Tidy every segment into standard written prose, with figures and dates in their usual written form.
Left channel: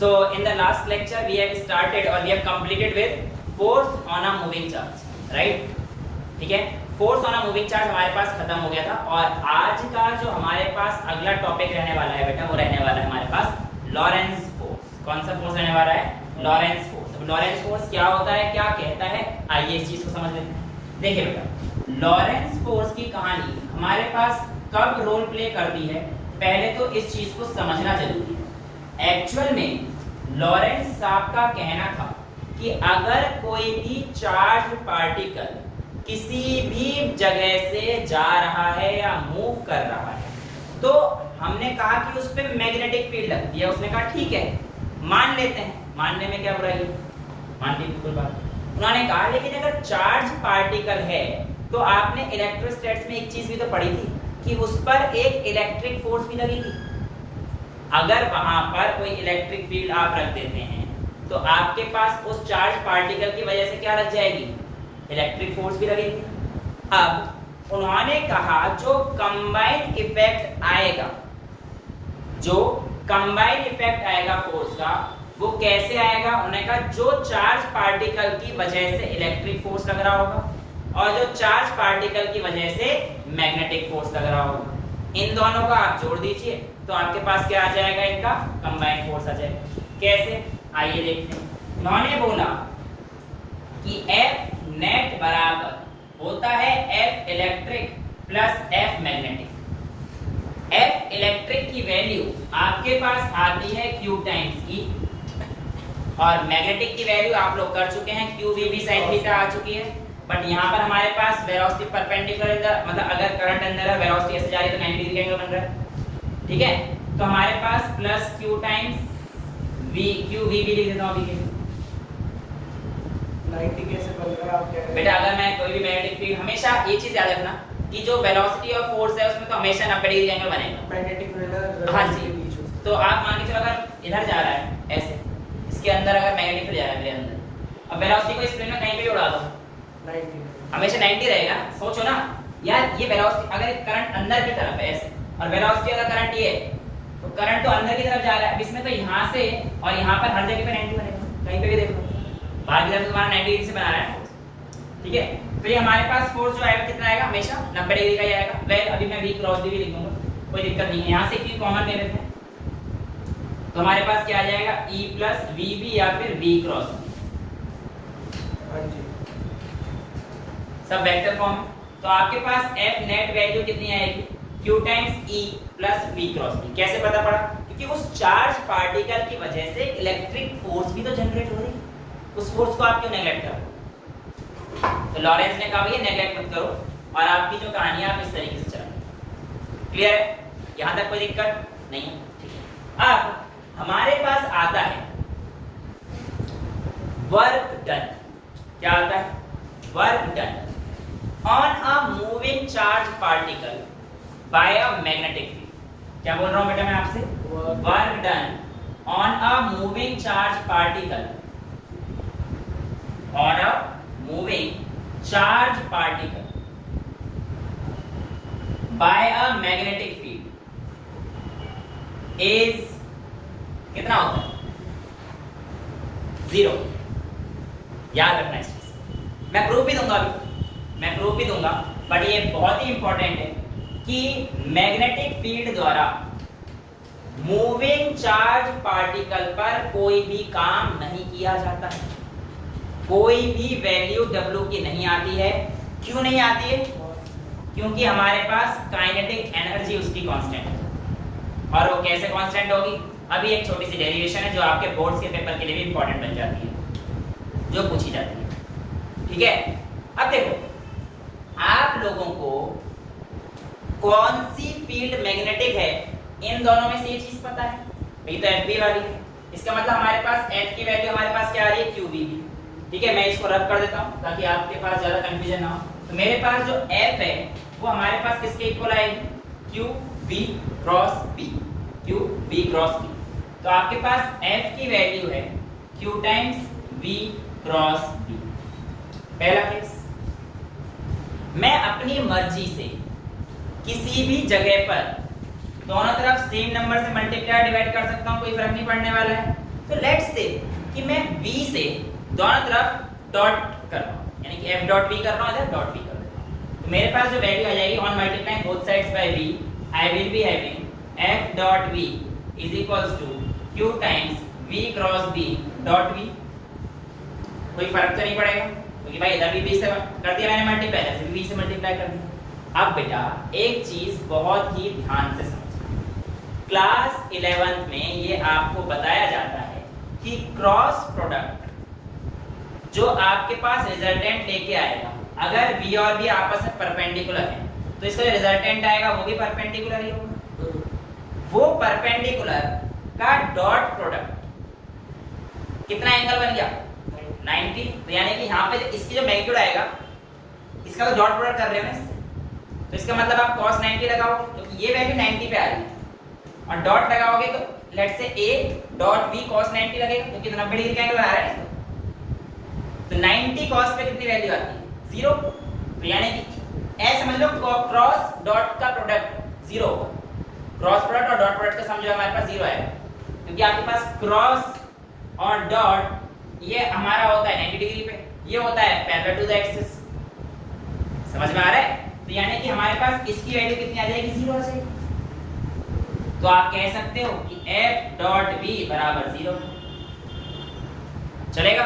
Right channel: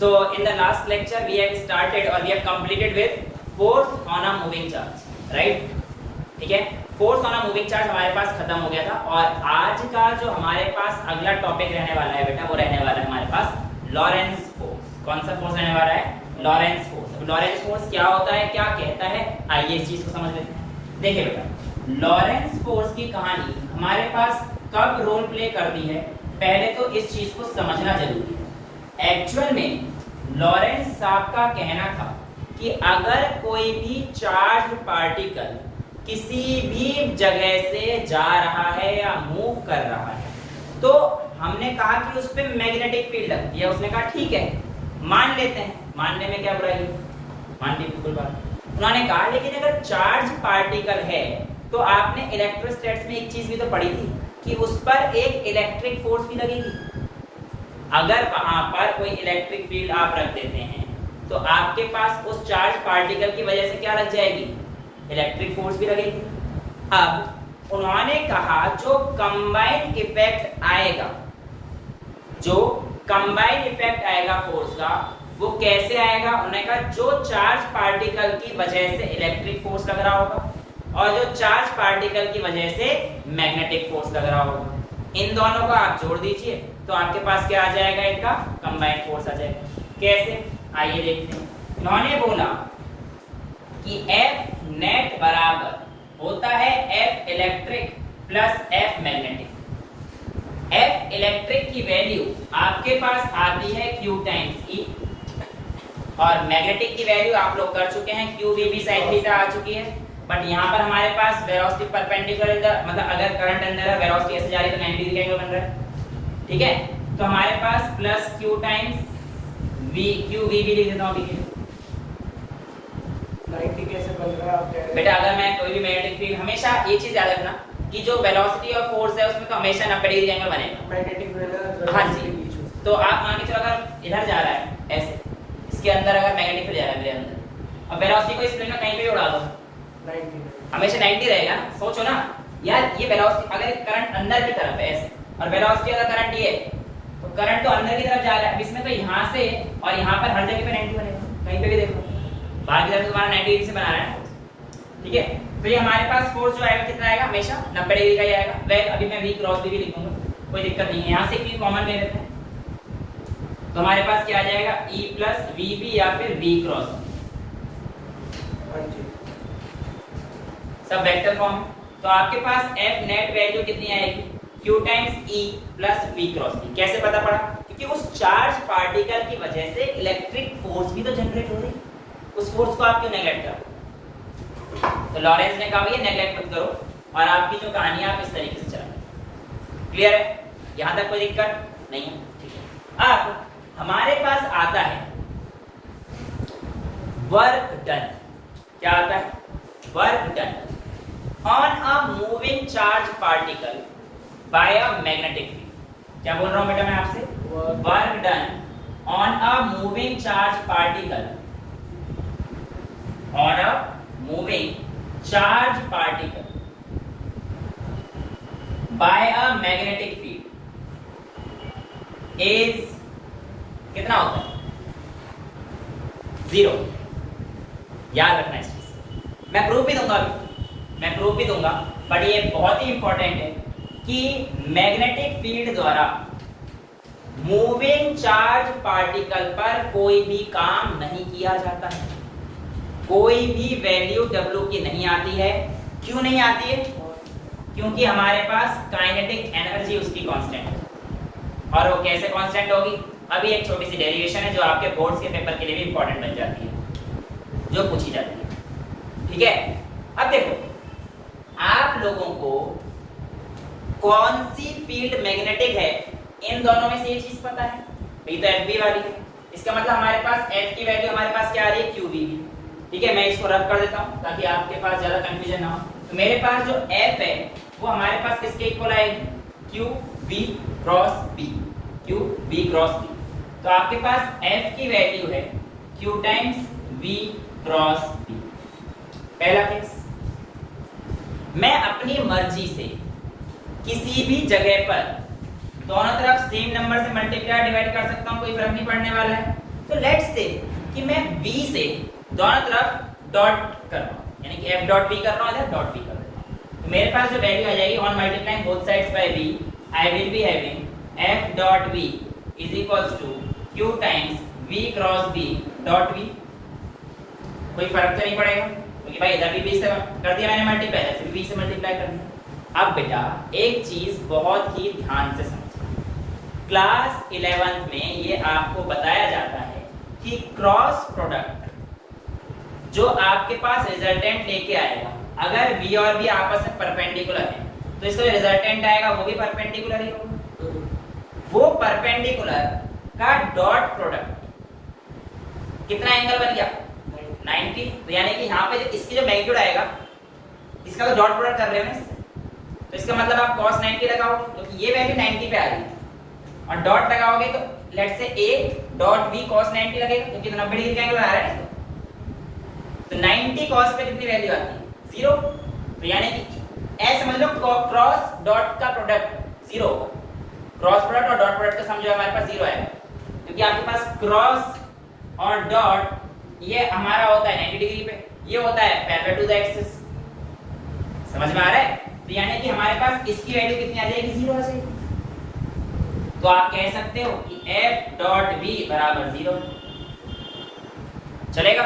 So in the last lecture we have started or we have completed with force on a moving charge, right? ठीक है, force on a moving charge हमारे पास खत्म हो गया था और आज का जो हमारे पास अगला टॉपिक रहने वाला है बेटा वो रहने वाला है हमारे पास लॉरेंस फोर्स। कौन सा फोर्स रहने वाला है? Lawrence force. लॉरेंस फोर्स क्या होता है, क्या कहता है, आइए इस चीज को समझ लेते हैं। देखिए बेटा, लॉरेंस फोर्स की कहानी हमारे पास कब रोल प्ले करती है, पहले तो इस चीज को समझना जरूरी है। एक्चुअल में लॉरेंस साहब का कहना था कि अगर कोई भी चार्ज पार्टिकल किसी भी जगह से जा रहा है या मूव कर रहा है तो हमने कहा कि उस पर मैग्नेटिक फील्ड लगती है। उसने कहा ठीक है मान लेते हैं, मानने में क्या बुराई है, मान ली बिल्कुल बात। उन्होंने कहा लेकिन अगर चार्ज पार्टिकल है तो आपने इलेक्ट्रोस्टैटिक्स में एक चीज भी तो पढ़ी थी कि उस पर एक इलेक्ट्रिक फोर्स भी लगी थी। अगर वहां पर कोई इलेक्ट्रिक फील्ड आप रख देते हैं तो आपके पास उस चार्ज पार्टिकल की वजह से क्या लग जाएगी, इलेक्ट्रिक फोर्स भी लगेगी। अब उन्होंने कहा जो कंबाइंड इफेक्ट आएगा, जो कंबाइंड इफेक्ट आएगा फोर्स का वो कैसे आएगा, उन्होंने कहा जो चार्ज पार्टिकल की वजह से इलेक्ट्रिक फोर्स लग रहा होगा और जो चार्ज पार्टिकल की वजह से मैग्नेटिक फोर्स लग रहा होगा, इन दोनों को आप जोड़ दीजिए तो आपके पास क्या आ जाएगा, इनका कंबाइंड फोर्स आ जाएगा। कैसे, आइए देखते हैं। उन्होंने बोला कि F नेट बराबर होता है F electric plus F magnetic. F electric की वैल्यू आपके पास आती है Q टाइम्स E और मैग्नेटिक की वैल्यू आप लोग कर चुके हैं Q V B sin theta आ चुकी है। बट यहाँ पर हमारे पास वेलोसिटी परपेंडिकुलर, मतलब अगर करंट अंदर है वेलोसिटी ऐसे जा रही है तो 90 डिग्री का एंगल बन रहा है, ठीक है। तो हमारे पास plus Q times V Q V B लिख देता हूँ अभी। बेटा अगर मैं कोई भी मैग्नेटिक फील्ड, हमेशा ये चीज याद रखना कि जो वेलोसिटी और फोर्स है उसमें तो हमेशा 90 डिग्री एंगल बनेगा। मैग्नेटिक, हाँ जी। तो आप मान के चलो अगर इधर जा रहा है ऐसे, इसके अंदर अगर मैग्नेटिक फील्ड जा रहा है मेरे अंदर, अब वेलोसिटी को इस प्लेन में कहीं पे भी उड़ा दो हमेशा 90 रहेगा। सोचो ना यार, ये वेलोसिटी अगर करंट अंदर की तरफ है ऐसे और वेलोसिटी अगर करंट ये तो करंट तो अंदर की तरफ जा रहा है, अब इसमें तो यहाँ से और यहाँ पर हर जगह पे 90 बनेगा, कहीं पे भी देखो बाहर की तरफ तो तुम्हारा 90 डिग्री से बना रहा है, ठीक है। फिर हमारे पास फोर्स जो आएगा कितना आएगा, हमेशा 90 डिग्री का ही आएगा। वेल अभी मैं V क्रॉस भी लिखूंगा, कोई दिक्कत नहीं है, यहाँ से Q कॉमन ले लेते हैं तो हमारे पास क्या आ जाएगा, E प्लस VB या फिर V क्रॉस, सब वेक्टर फॉर्म है। तो आपके पास F नेट वैल्यू कितनी आएगी, Q times E plus V cross B। कैसे पता पड़ा, क्योंकि उस चार्ज पार्टिकल की वजह से इलेक्ट्रिक फोर्स भी तो जनरेट हो रही है, उस फोर्स को आप क्यों नेगलेक्ट कर रहे हो। तो लॉरेंस ने कहा भैया नेगलेक्ट मत करो और आपकी जो कहानी आप इस तरीके से चलाएं। क्लियर है, यहां तक कोई दिक्कत नहीं है, ठीक है। अब हमारे पास आता है वर्क डन। क्या आता है, work done on a moving charge particle by a magnetic field। क्या बोल रहा हूं बेटा मैं आपसे, work done on a moving charge particle, on a moving charge particle by a magnetic field is कितना होता है, 0। याद रखना इस चीज, मैं प्रूफ भी दूंगा अभी, मैं प्रूफ भी दूंगा, बट ये बहुत ही इंपॉर्टेंट है कि मैग्नेटिक फील्ड द्वारा मूविंग चार्ज पार्टिकल पर कोई भी काम नहीं किया जाता है, कोई भी वैल्यू W की नहीं आती है। क्यों नहीं आती है, क्योंकि हमारे पास काइनेटिक एनर्जी उसकी कांस्टेंट है। और वो कैसे कांस्टेंट होगी, अभी एक छोटी सी डेरिवेशन है जो आपके बोर्ड्स के पेपर के लिए भी इंपॉर्टेंट बन जाती है, जो पूछी जाती है, ठीक है। अब देखो आप लोगों को कौन सी फील्ड मैग्नेटिक है, इन दोनों में से ये चीज पता है, ये तो FB वाली है, इसका मतलब हमारे पास F की वैल्यू हमारे पास क्या आ रही है, QV, ठीक है। मैं इसको रद्द कर देता हूं ताकि आपके पास ज्यादा कंफ्यूजन ना हो। तो मेरे पास जो F है वो हमारे पास किसके इक्वल आएगी, QV cross B, QV cross B। तो आपके पास F की वैल्यू है Q times V cross B। पहला केस, मैं अपनी मर्जी से किसी भी जगह पर दोनों तरफ सेम नंबर से मल्टीप्लाई डिवाइड कर सकता हूं, कोई फर्क नहीं पड़ने वाला है। तो लेट्स से कि मैं v से दोनों तरफ डॉट कर रहा हूं, यानी कि f डॉट v कर रहा हूं, इधर डॉट v कर रहा हूं, तो मेरे पास जो वैल्यू आ जाएगी on multiplying both sides by v, I will be having f dot v is equals to q times v cross v dot v। कोई फर्क तो नहीं पड़ेगा क्योंकि भाई इधर भी v से कर दिया मैंने मल्टीप्लाई, ऐसे भी v से मल्टीप्लाई कर दिया। अब बेटा एक चीज बहुत ही ध्यान से समझना, क्लास 11th में ये आपको बताया जाता है कि क्रॉस प्रोडक्ट जो आपके पास रिजल्टेंट लेके आएगा, अगर v और v आपस में परपेंडिकुलर है तो इसका रिजल्टेंट आएगा वो भी परपेंडिकुलर ही होगा। वो परपेंडिकुलर का डॉट प्रोडक्ट कितना एंगल बन गया 90, तो यानी कि यहाँ पे इसकी जो मैग्नीट्यूड आएगा इसका तो डॉट प्रोडक्ट कर रहे हैं ना, तो इसका मतलब आप cos 90 लगाओगे तो ये वैल्यू 90 पे आ रही है और डॉट लगाओगे तो let's say a dot b cos 90 लगेगा क्योंकि 90 डिग्री का एंगल आ रहा है, तो 90 cos पे कितनी वैल्यू आती है 0, तो यानी कि ऐसे समझ लो क्रॉस डॉट का प्रोडक्ट 0, क्रॉस प्रोडक्ट और डॉट प्रोडक्ट का सम जो हमारे पास 0 आएगा क्योंकि आपके पास क्रॉस और डॉट ये हमारा होता है 90 डिग्री पे, ये होता है पैरेलल टू द एक्सिस। समझ में आ रहा है? तो यानी कि हमारे पास इसकी वैल्यू कितनी आ जाएगी 0 आ जाएगी, तो आप कह सकते हो कि f डॉट v बराबर 0 चलेगा।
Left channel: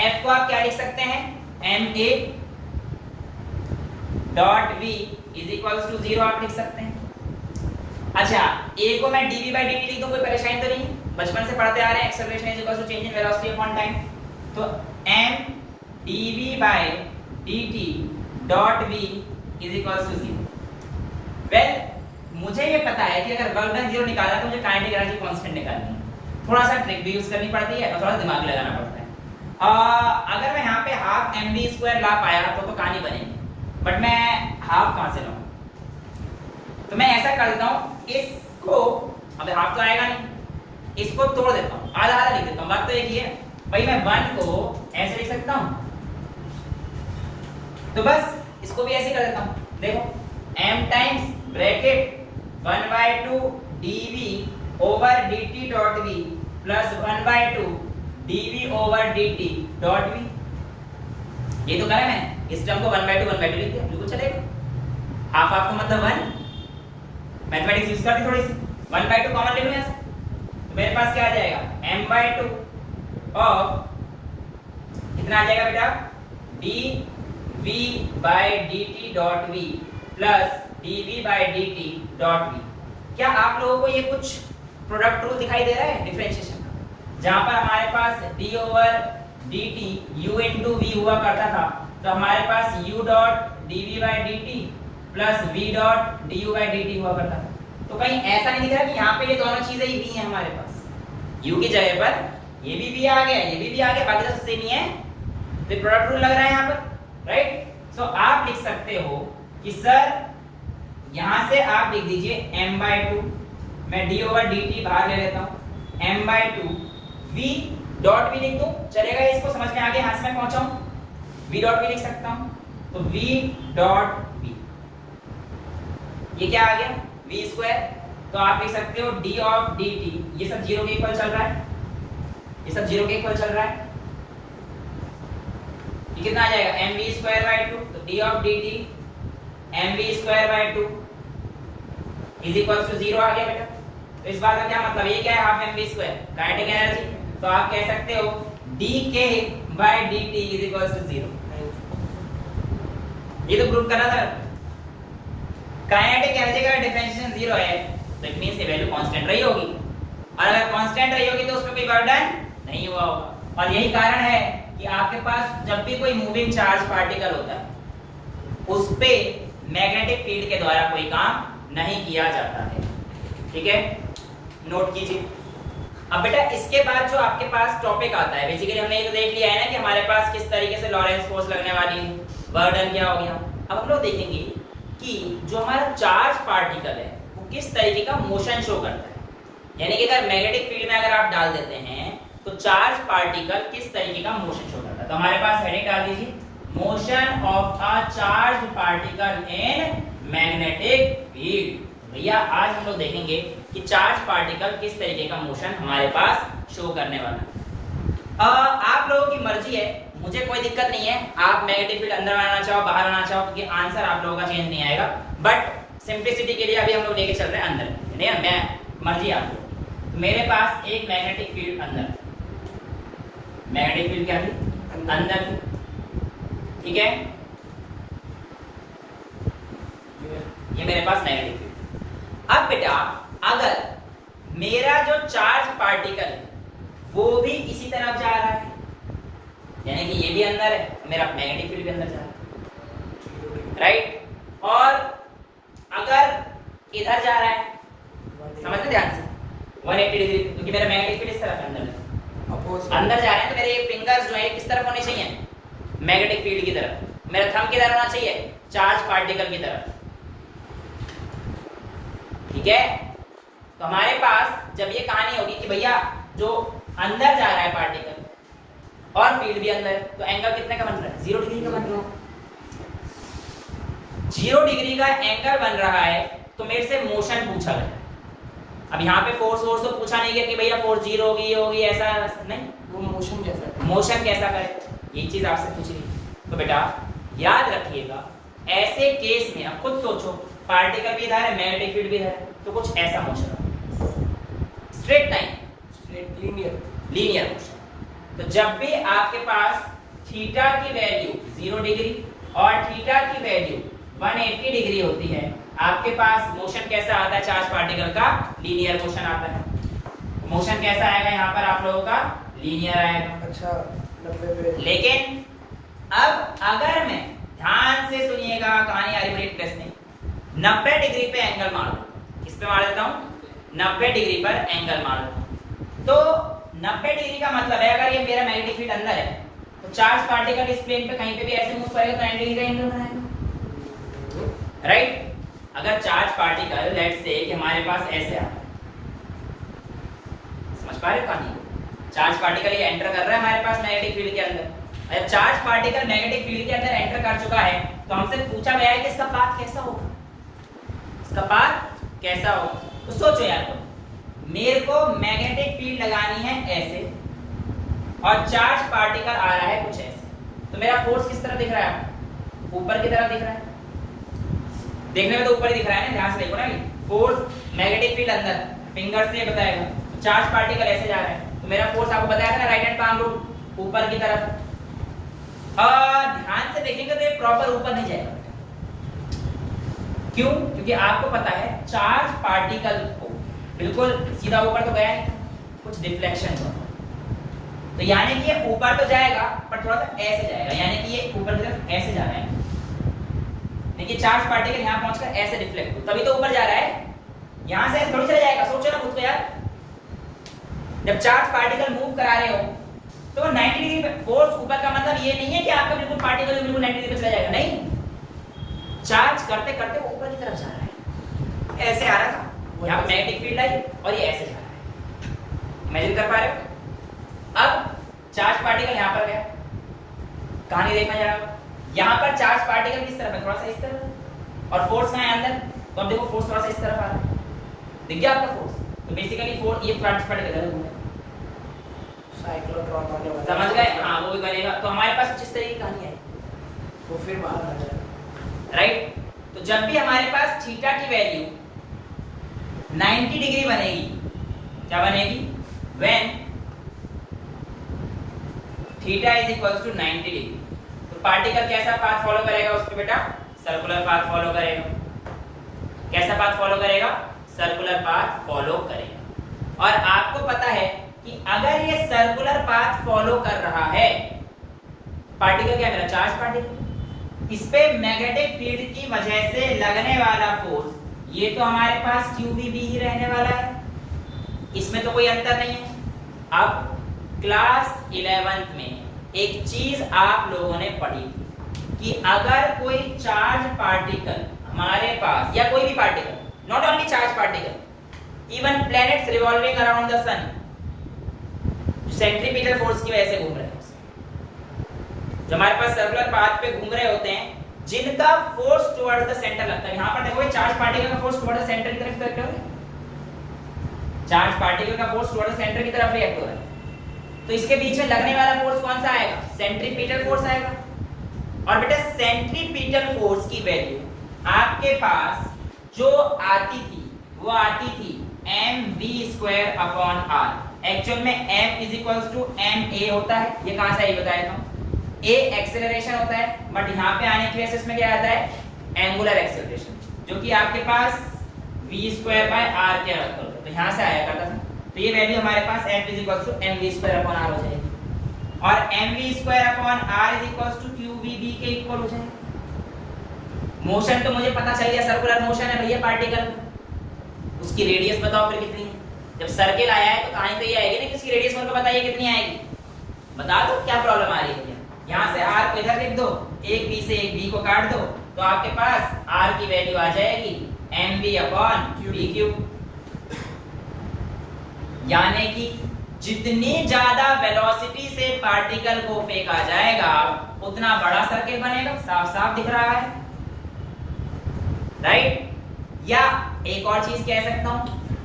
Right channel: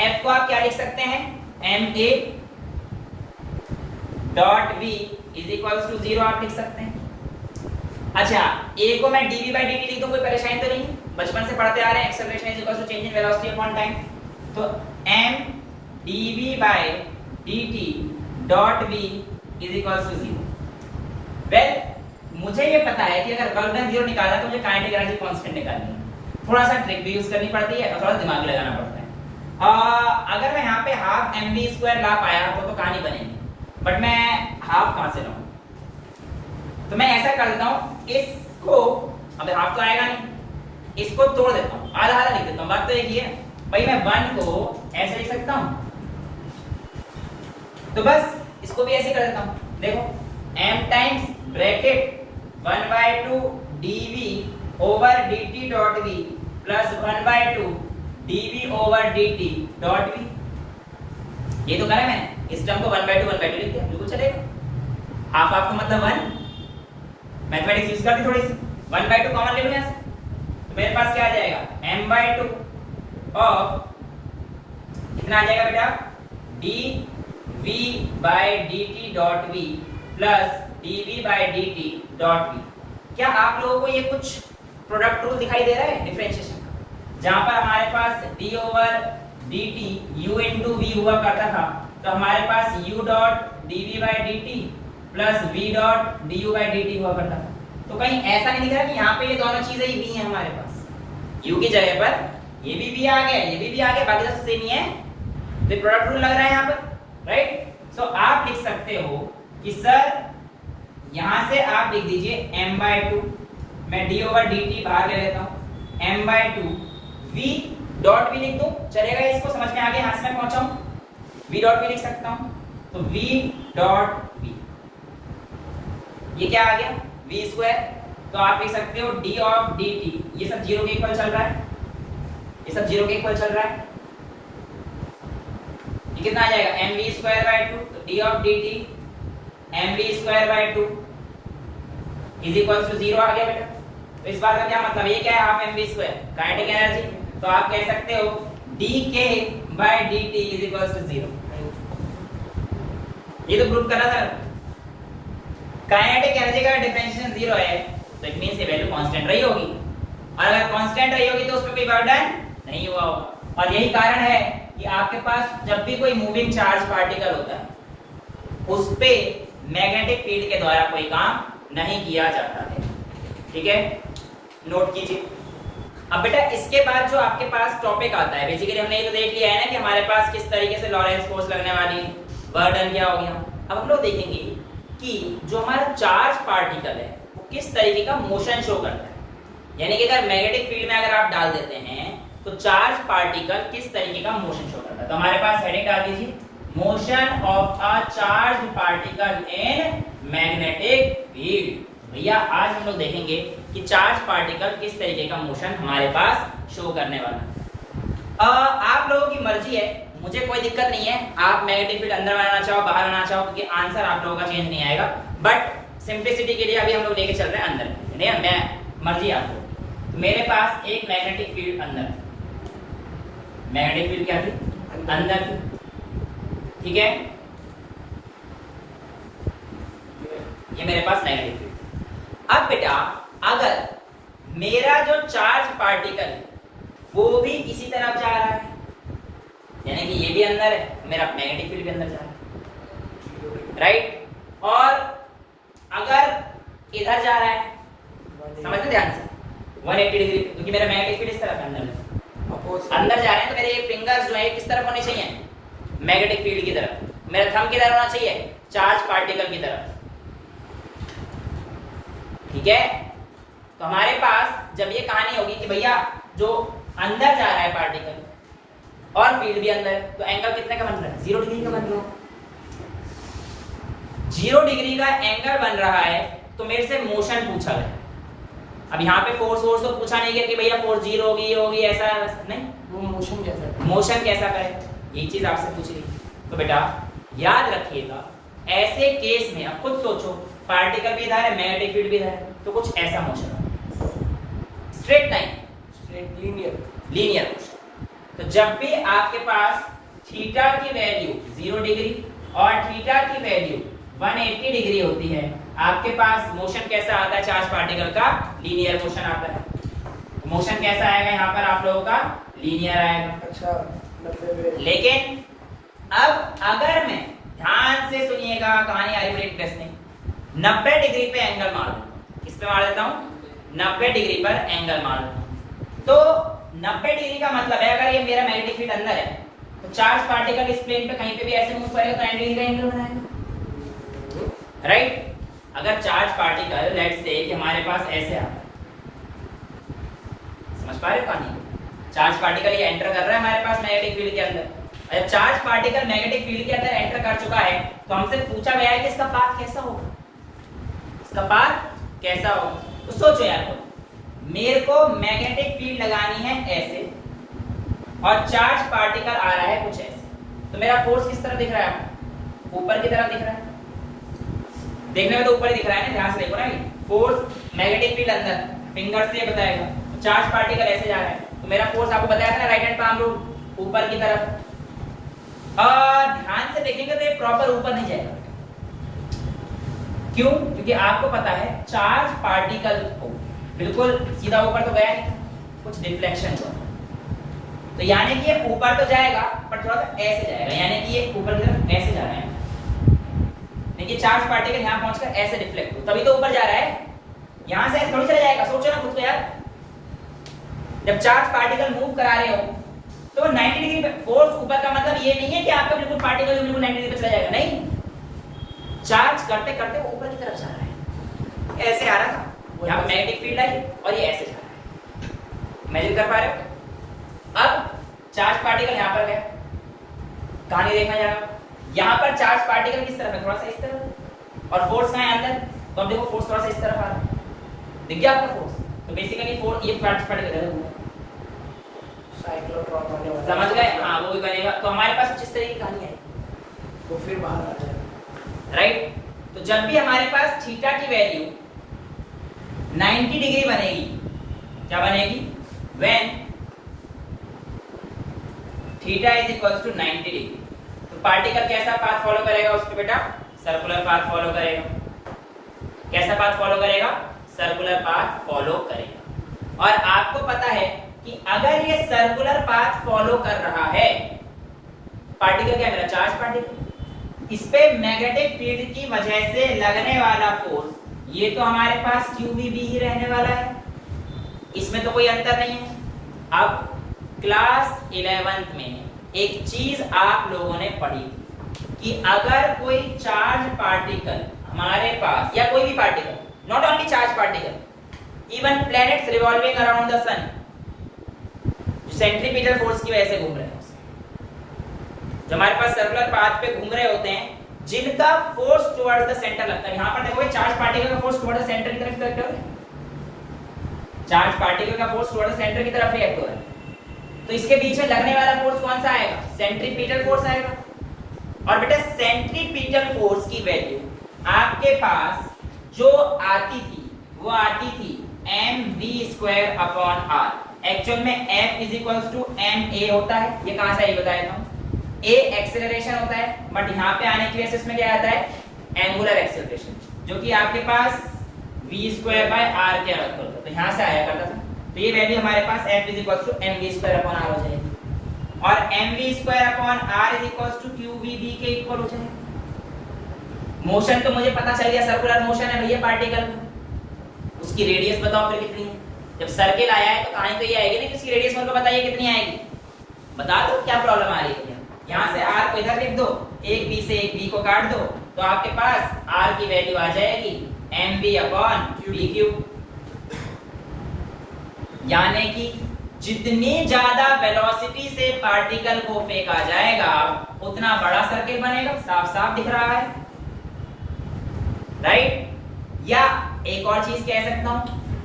f को आप क्या लिख सकते हैं ma dot v is equals to 0 आप लिख सकते हैं। अच्छा a को मैं dv बाय dt लिख दूं, कोई परेशानी तो नहीं, बचपन से पढ़ते आ रहे हैं acceleration is equals to change in velocity upon time, तो m dv by dt dot v is equals to 0। Well मुझे ये पता है कि अगर वर्क डन 0 निकालना है तो मुझे काइनेटिक एनर्जी कांस्टेंट निकालनी है, थोड़ा सा ट्रिक भी यूज करनी पड़ती है और थोड़ा दिमाग लगाना पड़ता है। अगर मैं यहाँ पे हाफ mv² ला पाया तो कहानी बनेगी, बट मैं हाफ कहां से लाऊं, तो मैं ऐसा करता हूं इसको, अगर हाफ तो आएगा नहीं, इसको तोड़ देता हूं, आधा आधा लिख देता हूं, बात तो एक ही है भाई। मैं 1 को ऐसे लिख सकता हूं, तो बस इसको भी ऐसे कर देता हूं, देखो m times bracket 1/2 dv over dt dot v plus 1/2 dv over dt dot v। ये तो करा मैंने, इस टर्म को 1/2 लिख दिया, बिल्कुल चलेगा। हाफ हाफ का मतलब 1, मैथमेटिक्स यूज करते थोड़ी सी, 1/2 कॉमन ले लो यहां से, तो मेरे पास क्या आ जाएगा m/2 ऑफ कितना आ जाएगा बेटा dv by dt dot v plus dv by dt dot v। क्या आप लोगों को ये कुछ प्रोडक्ट रूल दिखाई दे रहा है डिफरेंशिएशन का, जहां पर हमारे पास d over dt u into v हुआ करता था, तो हमारे पास u dot dv by dt plus v dot du by dt हुआ करता था। तो कहीं ऐसा नहीं दिख रहा कि यहाँ पे ये दोनों चीजें ही v हैं हमारे पास, u की जगह पर ये भी v आ गया, ये भी v आ गया, बाकी सब सेम ही है, तो प्रोडक्ट रूल लग रहा है यहाँ पर, राइट। सो आप लिख सकते हो कि सर यहां से आप लिख दीजिए m/2, मैं d ओवर dt बाहर ले लेता हूं, m/2 v डॉट v लिख दूं, चलेगा? इसको समझ में आ गया, यहां से मैं पहुंचा हूं, v डॉट v लिख सकता हूं, तो v डॉट v ये क्या आ गया v², तो आप लिख सकते हो d ऑफ dt, ये सब 0 के इक्वल चल रहा है, ये सब 0 के इक्वल चल रहा है, ये कितना आ जाएगा mv²/2, तो d of dt mv²/2 is equal to 0 आ गया बेटा। तो इस बात का क्या मतलब है, ये क्या है हाफ mv², काइनेटिक एनर्जी, तो आप कह सकते हो dk by dt is equal to 0। ये तो प्रूव करना था, काइनेटिक एनर्जी का डिफरेंशिएशन 0 है तो इट मींस ये वैल्यू कांस्टेंट रही होगी, और अगर कांस्टेंट रही होगी तो उसमें कोई वर्क डन नहीं हुआ होगा। और यही कारण है कि आपके पास जब भी कोई मूविंग चार्ज पार्टिकल होता है उस पे मैग्नेटिक फील्ड के द्वारा कोई काम नहीं किया जाता है, ठीक है, नोट कीजिए। अब बेटा इसके बाद जो आपके पास टॉपिक आता है, बेसिकली हमने ये तो देख लिया है ना कि हमारे पास किस तरीके से लॉरेंस फोर्स लगने वाली है, वर्क डन क्या हो गया। अब हम लोग देखेंगे कि जो हमारा चार्ज पार्टिकल है वो किस तरीके का मोशन शो करता है, यानी कि अगर मैग्नेटिक फील्ड में अगर आप डाल देते हैं तो चार्ज पार्टिकल किस तरीके का मोशन शो करता है। तो हमारे पास हेडिंग डाल दीजिए, motion of a charge particle in magnetic field. भैया आज हम लोग देखेंगे कि चार्ज पार्टिकल किस तरीके का मोशन हमारे पास शो करने वाला। आप लोगों की मर्जी है, मुझे कोई दिक्कत नहीं है, आप मैग्नेटिक फील्ड अंदर बनाना चाहो बाहर बनाना चाहो, क्योंकि आंसर आप लोगों का चेंज नहीं आएगा, बट सिंप्लिसिटी के लिए अभी हम लोग लेके चल रहे हैं अंदर, नहीं मैं मर्जी आप लोग। तो मेरे पास एक मैग्नेटिक फील्ड अंदर, मैग्नेटिक फील्ड क्या थी अंदर थी, ठीक है, ये मेरे पास मैग्नेटिक फील्ड। अब बेटा अगर मेरा जो चार्ज पार्टिकल है वो भी इसी तरफ जा रहा है, यानी कि ये भी अंदर है, मेरा मैग्नेटिक फील्ड भी अंदर जा रहा है, राइट, और अगर इधर जा रहा है, समझते ध्यान से 180 डिग्री, क्योंकि मेरा मैग्नेटिक फील्ड इस तरफ है, अंदर जा रहे हैं, तो मेरे ये फिंगर्स जो है किस तरफ होने चाहिए, मैग्नेटिक फील्ड की तरफ, मेरा थंब किधर होना चाहिए, चार्ज पार्टिकल की तरफ, ठीक है। तो हमारे पास जब ये कहानी होगी कि भैया जो अंदर जा रहा है पार्टिकल और फील्ड भी अंदर है, तो एंगल कितने का बन रहा है, 0 डिग्री का बन रहा है, 0 डिग्री का एंगल बन रहा है। तो मेरे से मोशन पूछा गया, अब यहाँ पे फोर्स तो पूछा नहीं गया कि भैया फोर्स 0 होगी ये होगी, ऐसा नहीं, वो मोशन कैसा करे, ये चीज आपसे पूछ रही। तो बेटा याद रखिएगा, ऐसे केस में अब खुद सोचो, पार्टिकल भी इधर है मैग्नेटिक फील्ड भी इधर है, तो कुछ ऐसा motion straight line, linear motion. तो जब भी आपके पास थीटा की वैल्यू 0 डिग्री और थीटा की वैल्यू 180 डिग्री होती है, आपके पास मोशन कैसा आता है, चार्ज पार्टिकल का लीनियर मोशन आता है। मोशन कैसा आएगा यहाँ पर आप लोगों का, लीनियर आएगा। अच्छा, लेकिन अब अगर मैं, ध्यान से सुनिएगा, कहानी आ रही है इंटरेस्टिंग, 90 डिग्री पे एंगल मार देता हूं, किस पे मार देता हूं, 90 डिग्री पर एंगल मार देता हूं। तो 90 डिग्री का मतलब है, अगर ये मेरा मैग्नेटिक फील्ड अंदर है, तो चार्ज पार्टिकल इस प्लेन पे कहीं पे भी ऐसे मूव करेगा तो 90 डिग्री का एंगल बनाएगा, राइट। अगर चार्ज पार्टिकल लेट्स से कि हमारे पास ऐसे आता है, समझ पा रहे हो कहानी, चार्ज पार्टिकल ये एंटर कर रहा है हमारे पास मैग्नेटिक फील्ड के अंदर, अगर चार्ज पार्टिकल मैग्नेटिक फील्ड के अंदर एंटर कर चुका है, तो हमसे पूछा गया है कि इसका पाथ कैसा होगा, इसका पाथ कैसा होगा। तो सोचो यार, मेरे को मैग्नेटिक फील्ड लगानी है ऐसे और चार्ज पार्टिकल आ रहा है कुछ ऐसे, तो मेरा फोर्स किस तरह दिख रहा है, ऊपर की तरफ दिख रहा है, देखने में तो ऊपर ही दिख रहा है ना, ध्यान से देखो ना, फोर्स मैग्नेटिक फील्ड अंदर, फिंगर से बताएगा, चार्ज पार्टिकल ऐसे जा रहा है, तो मेरा फोर्स आपको बताया था ना, राइट हैंड पाम रूल, ऊपर की तरफ। और ध्यान से देखेंगे तो ये प्रॉपर ऊपर नहीं जाएगा, क्यों, क्योंकि आपको पता है चार्ज पार्टिकल को बिल्कुल सीधा ऊपर तो गया नहीं, कुछ डिफ्लेक्शन हुआ, तो यानी कि ये ऊपर तो जाएगा पर थोड़ा सा ऐसे जाएगा, यानी कि ये ऊपर की तरफ ऐसे जा रहा है, देखिए चार्ज पार्टिकल यहाँ पहुंचकर ऐसे डिफ्लेक्ट हो, तभी तो ऊपर जा रहा है, यहां से ऐसे थोड़ी चला जाएगा। सोचो ना खुद को यार, जब चार्ज पार्टिकल मूव करा रहे हो तो 90 डिग्री पे फोर्स ऊपर का मतलब ये नहीं है कि आपका बिल्कुल पार्टिकल जो बिल्कुल 90 डिग्री पे चला जाएगा, नहीं, चार्ज करते करते वो ऊपर की तरफ जा रहा है, ऐसे आ रहा था, यहाँ मैग्नेटिक फील्ड आई और ये ऐसे जा रहा है, इमेजिन कर पा रहे हो। अब चार्ज पार्टिकल यहाँ पर गया, कहानी देखना जाएगा, यहाँ पर चार्ज पार्टिकल किस तरफ है, थोड़ा सा इस तरफ, और फोर्स कहाँ है अंदर, तो अब देखो फोर्स थोड़ा सा इस तरफ आ रहा है, दिख गया आपका फोर्स, तो बेसिकली फोर्स ये चार्ज पार्टिकल है, समझ गए, हाँ वो भी बनेगा। तो हमारे पास कुछ इस तरह की कहानी है, वो फिर बाहर आ जाएगा, राइट। तो जब भी हमारे पास थीटा की वैल्यू 90 डिग्री बनेगी, क्या बनेगी, when theta is equal to 90 degree, तो पार्टिकल कैसा पाथ फॉलो करेगा उस पे बेटा, सर्कुलर पाथ फॉलो करेगा, कैसा पाथ फॉलो करेगा, सर्कुलर पाथ फॉलो करेगा। और आपको पता है कि अगर ये सर्कुलर पाथ फॉलो कर रहा है, पार्टिकल क्या मेरा चार्ज पार्टिकल, इस पे मैग्नेटिक फील्ड की वजह से लगने वाला फोर्स, ये तो हमारे पास QVB ही रहने वाला है, इसमें तो कोई अंतर नहीं है। अब क्लास 11th में एक चीज आप लोगों ने पढ़ी कि अगर कोई चार्ज पार्टिकल हमारे पास, या कोई भी particle, not only charge particle, even planets revolving around the sun, centripetal force की वजह से घूम रहे हैं, जो हमारे पास सर्कुलर पाथ पे घूम रहे होते हैं, जिनका फोर्स टुवर्ड्स द सेंटर लगता है। यहां पर देखो चार्ज पार्टिकल का फोर्स टुवर्ड्स द सेंटर की तरफ लगता है, चार्ज पार्टिकल का फोर्स टुवर्ड्स सेंटर की तरफ रिएक्ट हो रहा है, तो इसके बीच में लगने वाला फोर्स कौन सा आएगा? सेंट्रीपिटल फोर्स आएगा। और बेटा सेंट्रीपिटल फोर्स की वैल्यू आपके पास जो आती थी वो आती थी mv² अपॉन r। एक्चुअल में m is equals to ma होता है, ये कहां से आई बताएगा हम, a एक्सेलरेशन होता है, बट यहाँ पे आने की वजह से इसमें क्या आता है एंगुलर एक्सेलरेशन, जो कि आपके पास v² बाय r के बराबर होता है, तो यहाँ से आया करता था। तो ये वैल्यू हमारे पास f is equals to mv² upon r हो जाएगी, और mv² upon r is equals to qvb के इक्वल हो जाएगा। मोशन तो मुझे पता चल गया, सर्कुलर मोशन है भैया पार्टिकल, उसकी रेडियस बताओ फिर कितनी है। जब सर्किल आया है तो कहानी तो ये आएगी ना कि उसकी रेडियस मेरे को बताइए कितनी आएगी, बता दो क्या प्रॉब्लम आ रही है। यहाँ से r को इधर लिख दो, एक b से एक b को काट दो, तो आपके पास r की वैल्यू आ जाएगी mv अपॉन bq। यानी कि जितनी ज्यादा वेलोसिटी से पार्टिकल को फेंका जाएगा उतना बड़ा सर्किल बनेगा, साफ साफ दिख रहा है, राइट। या एक और चीज कह सकता हूं,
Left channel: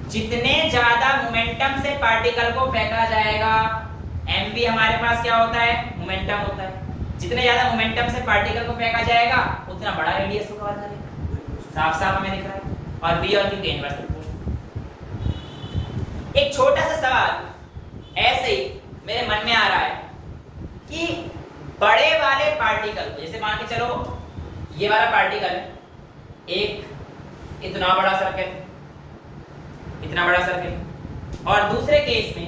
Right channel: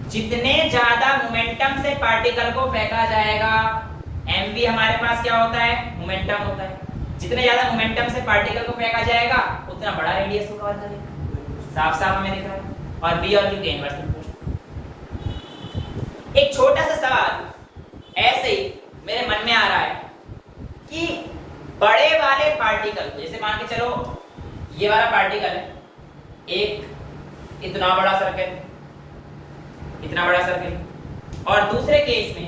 जितने ज्यादा मोमेंटम से पार्टिकल को फेंका जाएगा, mv हमारे पास क्या होता है, मोमेंटम होता है, जितने ज्यादा मोमेंटम से पार्टिकल को फेंका जाएगा उतना बड़ा रेडियस होगा, साफ साफ हमें दिख रहा है। और b और q के इनवर्स में एक छोटा सा सवाल ऐसे ही मेरे मन में आ रहा है कि बड़े वाले पार्टिकल को, जैसे मान के चलो ये वाला पार्टिकल है, एक इतना बड़ा सर्किल, इतना बड़ा सर्किल, और दूसरे केस में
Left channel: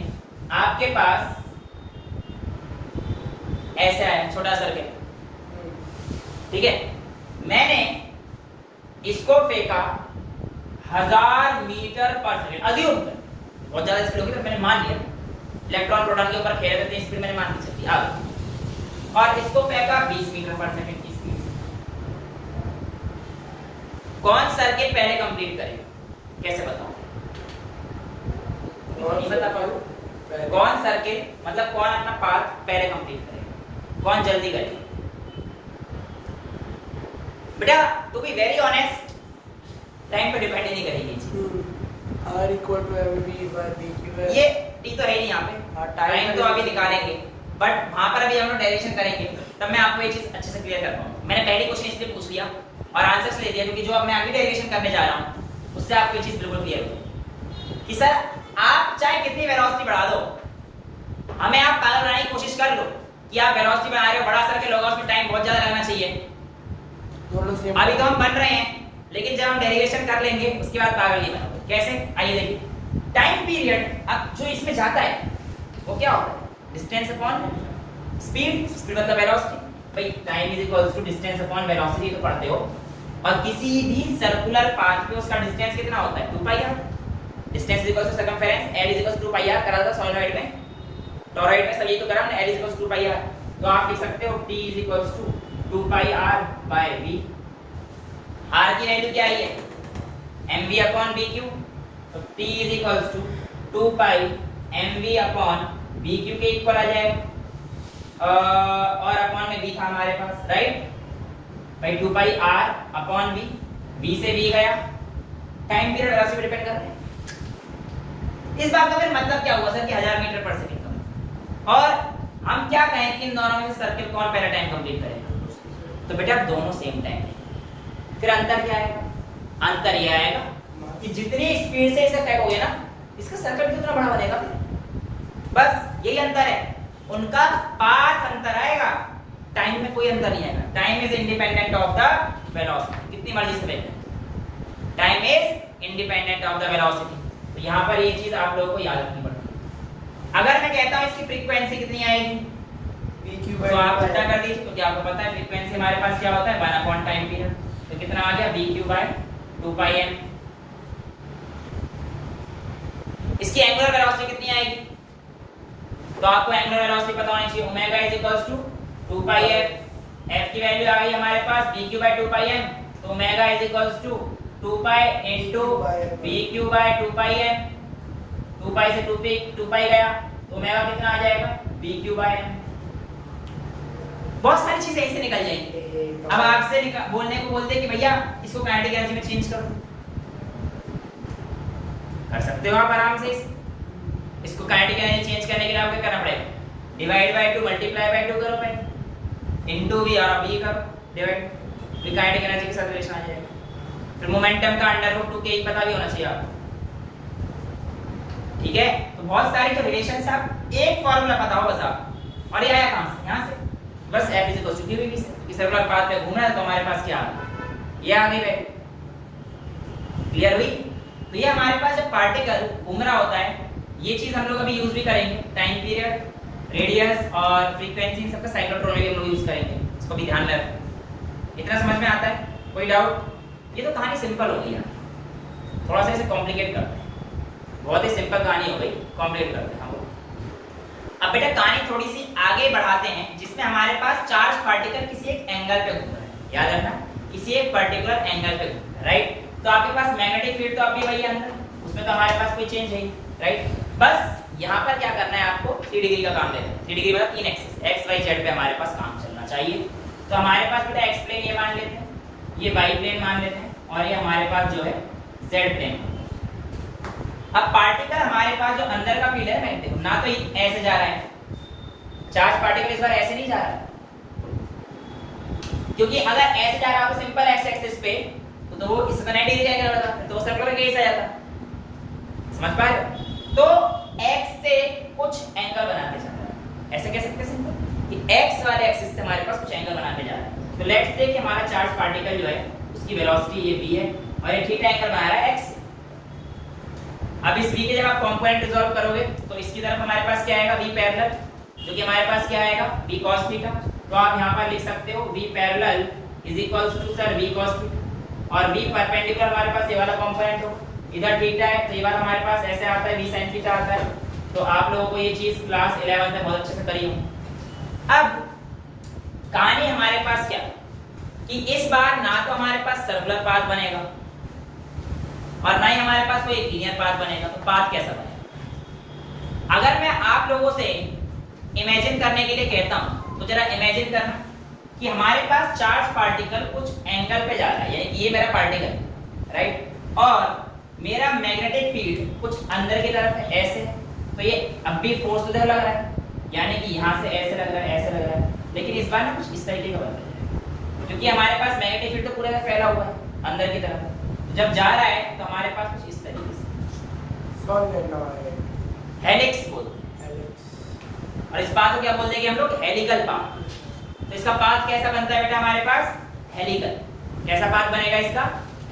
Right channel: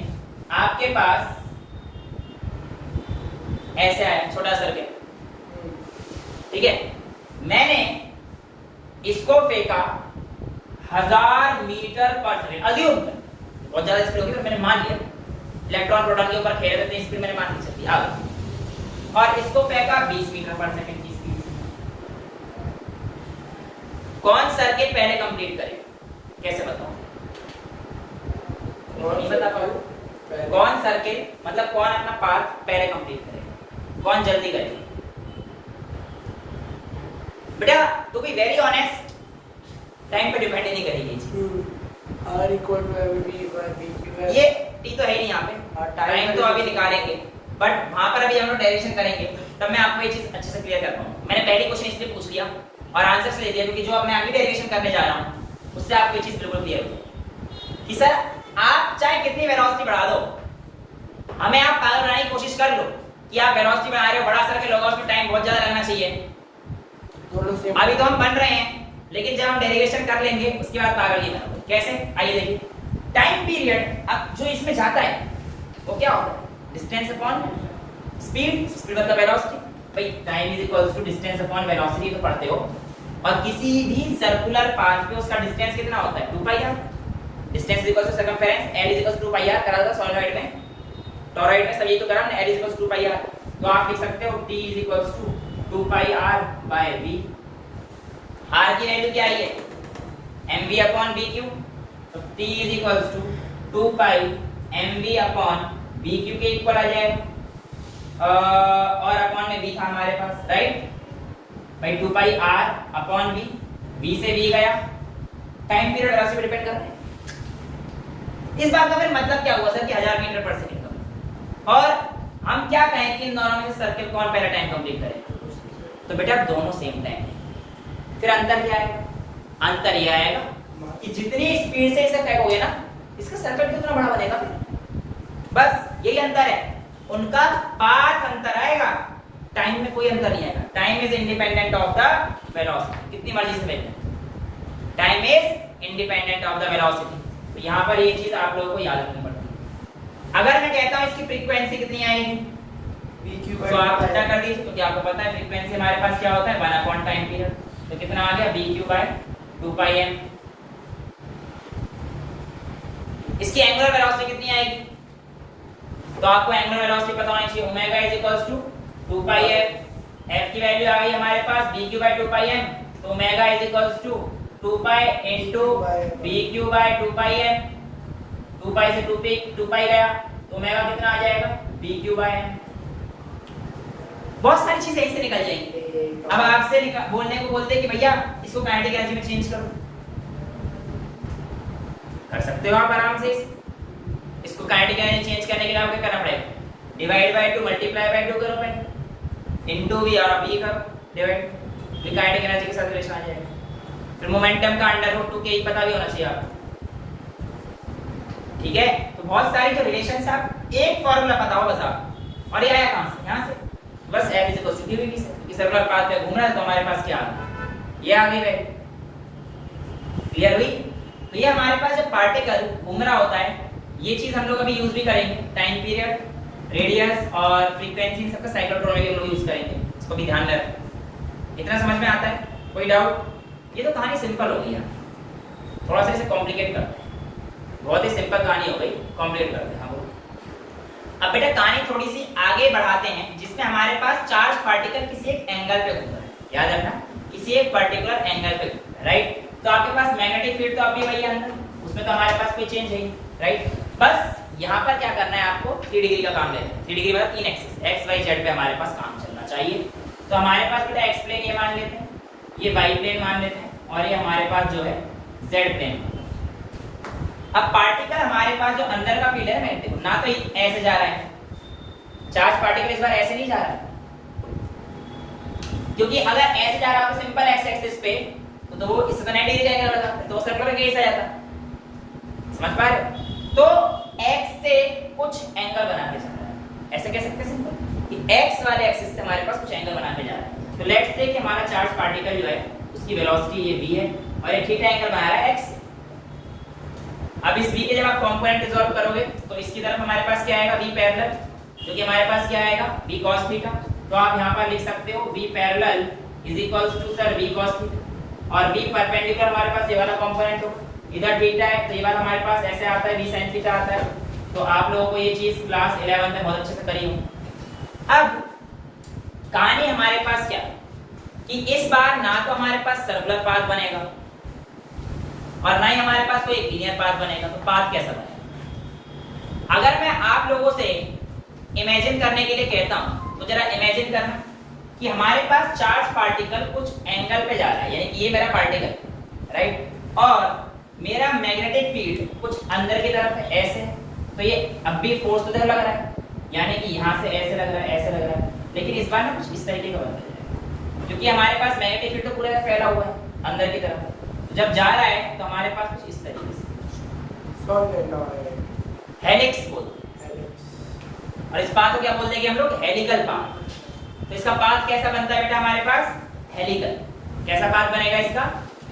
आपके पास ऐसे आया छोटा सर्किल, ठीक है। मैंने इसको फेंका 1000 मीटर पर सेकंड, अज्यूम कर बहुत ज्यादा स्पीड होगी, पर मैंने मान लिया इलेक्ट्रॉन प्रोटॉन के ऊपर खेल रहे थे, स्पीड मैंने मान के चली आ गई, और इसको फेंका 20 मीटर पर सेकंड की स्पीड से। कौन सर्किट पहले कंप्लीट करेगा, कैसे बताऊं, नहीं बता पाऊं। कौन सर्किट मतलब कौन अपना पाथ पहले कंप्लीट करेगा, कौन जल्दी करेगा। बेटा to be very honest, time पे डिपेंड नहीं करेगी r equal to mv by dq। ये t तो है नहीं यहाँ पे, टाइम तो अभी निकालेंगे, बट वहां पर अभी हम लोग डायरेक्शन करेंगे, तब मैं आपको ये चीज अच्छे से क्लियर कर पाऊंगा। मैंने पहले क्वेश्चन इसलिए पूछ लिया और आंसर ले दिया क्योंकि जो अब मैं आगे डेरिवेशन करने जा रहा हूँ उससे आपको ये चीज बिल्कुल क्लियर हो जाए कि सर आप चाहे कितनी वेलोसिटी बढ़ा दो, हमें आप पागल बनाने की कोशिश कर लो कि आप वेलोसिटी बढ़ा रहे हो, बड़ा सर्किल होगा उसमें टाइम बहुत ज्यादा लगना चाहिए। अभी तो हम बन रहे हैं, लेकिन जब हम डेरिवेशन कर लेंगे उसके बाद पागल नहीं बनोगे। कैसे, आइए देखिए। टाइम पीरियड अब जो इसमें जाता है वो क्या होता है, डिस्टेंस अपॉन स्पीड, स्पीड मतलब वेलोसिटी। भाई time is equals to distance upon velocity तो पढ़ते हो, और किसी भी सर्कुलर पाथ पे उसका डिस्टेंस कितना होता है, 2 pi R. Distance is equals to circumference, L is equals to 2 pi R करा था सॉलिनॉइड में, टॉरॉइड में सब ये तो करा हमने, L is equals to 2 pi r. तो आप लिख सकते हो t is equals to 2 pi r by v। r की वैल्यू क्या है, mv अपॉन bq, तो t is equals to 2 pi mv upon bq के इक्वल आ जाएगा, और अपॉन में v था हमारे पास, राइट भाई 2 पाई r अपॉन v, v से v गया, टाइम पीरियड वेलोसिटी पे डिपेंड करता है। इस बात का फिर मतलब क्या हुआ सर कि 1000 मीटर पर सेकंड का, और हम क्या कहें कि इन दोनों में से सर्किल कौन पहले टाइम कंप्लीट करेगा, तो बेटा दोनों सेम टाइम है। फिर अंतर क्या है, अंतर यह आएगा कि जितनी स्पीड से इसे फेंकोगे ना, इसका सर्किल कितना बड़ा बनेगा, फिर बस यही अंतर है। उनका पाथ अंतर आएगा, टाइम में कोई अंतर नहीं आएगा। Time is independent of the velocity, कितनी मर्जी से फेंकना, time is independent of the velocity. तो यहाँ पर ये चीज आप लोगों को याद रखनी पड़ती है। अगर मैं कहता हूँ इसकी फ्रीक्वेंसी कितनी आएगी, तो आप पता कर दीजिए, क्योंकि आपको पता है फ्रीक्वेंसी हमारे पास क्या होता है 1 अपॉन टाइम पीरियड। तो कितना आ गया bq बाय 2 पाई m। इसकी एंगुलर वेलोसिटी कितनी आएगी, तो आपको एंगुलर वेलोसिटी पता होनी चाहिए, omega is equals to 2 pi f। f की वैल्यू आ गई हमारे पास bq बाय 2 पाई m, तो omega is equals to 2 pi into bq by 2 pi m। 2 pi से 2 पाई गया, तो ओमेगा कितना आ जाएगा bq बाय m। बहुत सारी चीजें ऐसे निकल जाएंगी। अब आपसे बोलने को बोलते हैं कि भैया इसको काइनेटिक एनर्जी में चेंज करो, कर सकते हो आप आराम से। इसको काइनेटिक एनर्जी चेंज करने के लिए आपको क्या करना पड़ेगा, डिवाइड बाय 2 मल्टीप्लाई बाय 2 करो पहले, इनटू v और b करो डिवाइड, फिर काइनेटिक एनर्जी के साथ रिलेशन आ जाएगा। फिर मोमेंटम का √2 के ही पता भी होना चाहिए आपको, ठीक है। तो बहुत सारी जो रिलेशंस आप एक फार्मूला पता हो बस आप, और ये आया कहां से, यहां से बस f is equal to dv से सर्कुलर पाथ पे घूमना है तो हमारे पास क्या आ गया, ये आ गई। क्लियर हुई। तो ये हमारे पास जब पार्टिकल घूम रहा होता है, ये चीज हम लोग अभी यूज भी करेंगे, टाइम पीरियड, रेडियस और फ्रीक्वेंसी सबका साइक्लोट्रॉन हम लोग यूज करेंगे, इसको भी ध्यान रखें। इतना समझ में आता है, कोई डाउट? ये तो कहानी सिंपल हो गई है, थोड़ा सा इसे कॉम्प्लिकेट करते हैं। बहुत ही सिंपल कहानी हो गई, कॉम्प्लिकेट करते हैं हम लोग। अब बेटा कहानी थोड़ी सी आगे बढ़ाते हैं, जिसमें हमारे पास चार्ज पार्टिकल किसी एक एंगल पे घूम रहा है, याद रखना किसी एक पर्टिकुलर एंगल पे घूम रहा है, राइट। तो आपके पास मैग्नेटिक फील्ड तो अभी वही है अंदर, उसमें तो हमारे पास कोई चेंज है, राइट। बस यहाँ पर क्या करना है आपको, 3 डिग्री का काम लेना है। 3 डिग्री मतलब 3 एक्सिस, एक्स वाई जेड पे हमारे पास काम चलना चाहिए। तो हमारे पास बेटा एक्स प्लेन ये मान लेते हैं, ये वाई प्लेन मान लेते हैं, और ये हमारे पास जो है जेड प्लेन। अब पार्टिकल हमारे पास जो अंदर का फील्ड है मैं देखो ना, तो ऐसे जा रहा है चार्ज पार्टिकल, इस बार ऐसे नहीं जा रहा है, क्योंकि अगर ऐसे जा रहा है तो सिंपल एक्स एक्सिस पे तो वो इस 90 डिग्री जाएगा, तो सर्कुलर केस आ जाता, समझ पा रहे हो। तो x से कुछ एंगल बना के जा रहा है, ऐसे कह सकते हैं सिंपल कि x वाले एक्सिस से हमारे पास कुछ एंगल बना के जा रहा है। तो लेट्स से कि हमारा चार्ज पार्टिकल जो है उसकी वेलोसिटी ये v है और एक थीटा एंगल बना रहा है x। अब इस v के जब आप कंपोनेंट रिजॉल्व करोगे तो इसकी तरफ हमारे पास क्या आएगा, v पैरेलल, जो कि हमारे पास क्या आएगा, v cos थीटा। तो आप यहां पर लिख सकते हो v parallel is equals to sir v cos theta, और v परपेंडिकुलर हमारे पास ये वाला कंपोनेंट होगा, इधर थीटा है तो ये वाला हमारे पास ऐसे आता है v sin थीटा आता है। तो आप लोगों को ये चीज क्लास 11 में बहुत अच्छे से करी होगी। अब कहानी हमारे पास क्या कि इस बार ना तो हमारे पास सर्कुलर पाथ बनेगा और ना ही हमारे पास कोई लीनियर पाथ बनेगा। तो पाथ कैसा बनेगा? अगर मैं आप लोगों से इमेजिन करने के लिए कहता हूं तो जरा इमेजिन करना कि हमारे पास चार्ज पार्टिकल कुछ एंगल पे जा रहा है, यानी ये मेरा पार्टिकल, राइट, और मेरा मैग्नेटिक फील्ड कुछ अंदर की तरफ है ऐसे, तो ये अब भी फोर्स उधर लग रहा है, यानी कि यहाँ से ऐसे लग रहा है, ऐसे लग रहा है, लेकिन इस बार ना कुछ इस तरीके का बन रहा है, क्योंकि हमारे पास मैग्नेटिक फील्ड तो पूरा फैला हुआ है अंदर की तरफ। तो जब जा रहा है तो हमारे पास कुछ इस तरीके से हेलिक्स बोलते हैं, और इस पाथ को क्या बोलते हैं कि हम लोग, हेलिकल पाथ। तो इसका पाथ कैसा बनता है बेटा हमारे पास, हेलिकल। कैसा पाथ बनेगा इसका,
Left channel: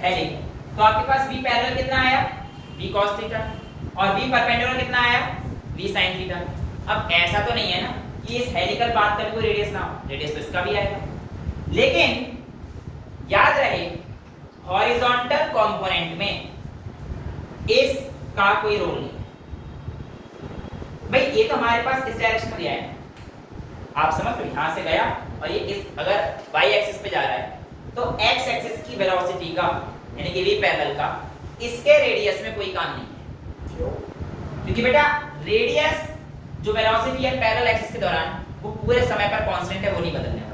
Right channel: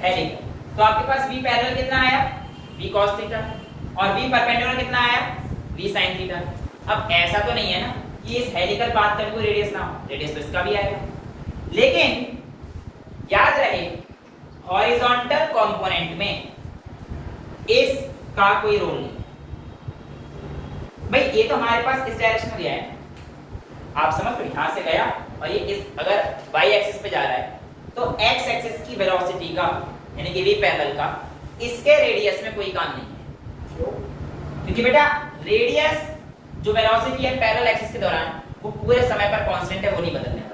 हेलिकल। तो आपके पास v पैरेलल कितना आया, v cos थीटा, और v परपेंडिकुलर कितना आया, v sin थीटा। अब ऐसा तो नहीं है ना कि इस हेलिकल पाथ का कोई रेडियस ना हो, रेडियस तो इसका भी आएगा, लेकिन याद रहे हॉरिजॉन्टल कंपोनेंट में इसका कोई रोल नहीं है। भाई ये तो हमारे पास इस डायरेक्शन में गया है, आप समझ रहे, यहां से गया और ये इस अगर y एक्सिस पे जा रहा है तो x एक्सिस की वेलोसिटी का यानी कि v पैरेलल का इसके रेडियस में कोई काम नहीं है, क्योंकि बेटा रेडियस जो वेलोसिटी है पैरेलल एक्सिस के दौरान वो पूरे समय पर कांस्टेंट है, वो नहीं बदलने वाला।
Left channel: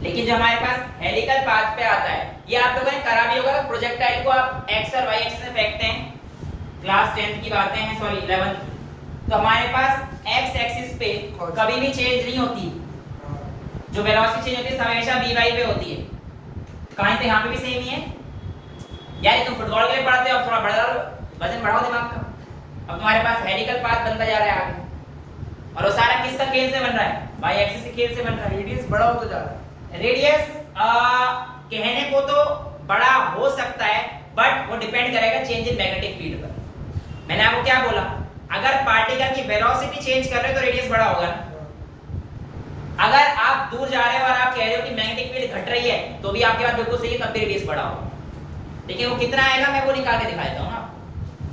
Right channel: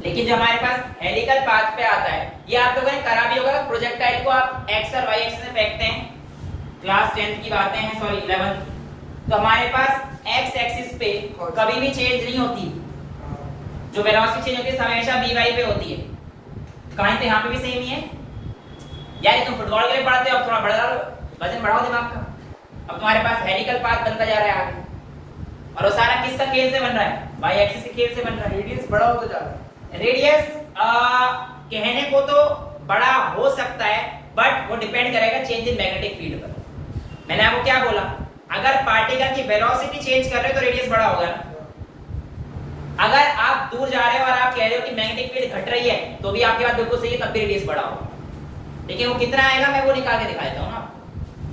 लेकिन जो हमारे पास हेलिकल पाथ पे आता है, ये आप लोगों ने करा भी होगा, प्रोजेक्टाइल को आप x और y एक्सिस में फेंकते हैं, क्लास 10th की बातें हैं, सॉरी 11th की, तो हमारे पास x एक्सिस पे कभी भी चेंज नहीं होती, जो वेलोसिटी चेंज होती है हमेशा vy पे होती है। कहानी तो यहाँ पे भी सेम ही है, यानी तुम फुटबॉल के लिए पढ़ते हो, अब थोड़ा बढ़ा वजन बढ़ाओ दिमाग का, अब तुम्हारे पास हेलिकल पाथ बनता जा रहा है आगे, और वो सारा किसका खेल से बन रहा है, y एक्सिस के खेल से बन रहा है। रेडियस बड़ा होता जा रहा है, रेडियस कहने को तो बड़ा हो सकता है, बट वो डिपेंड करेगा चेंज इन मैग्नेटिक फील्ड पर। मैंने आपको क्या बोला, अगर पार्टिकल की वेलोसिटी चेंज कर रहे हो तो रेडियस बड़ा होगा। अगर आप दूर जा रहे हो और आप कह रहे हो कि मैग्नेटिक फील्ड घट रही है तो भी आपके बात बिल्कुल सही है, तब भी रेडियस बड़ा होगा, लेकिन वो कितना आएगा मैं वो निकाल के दिखा देता हूँ ना।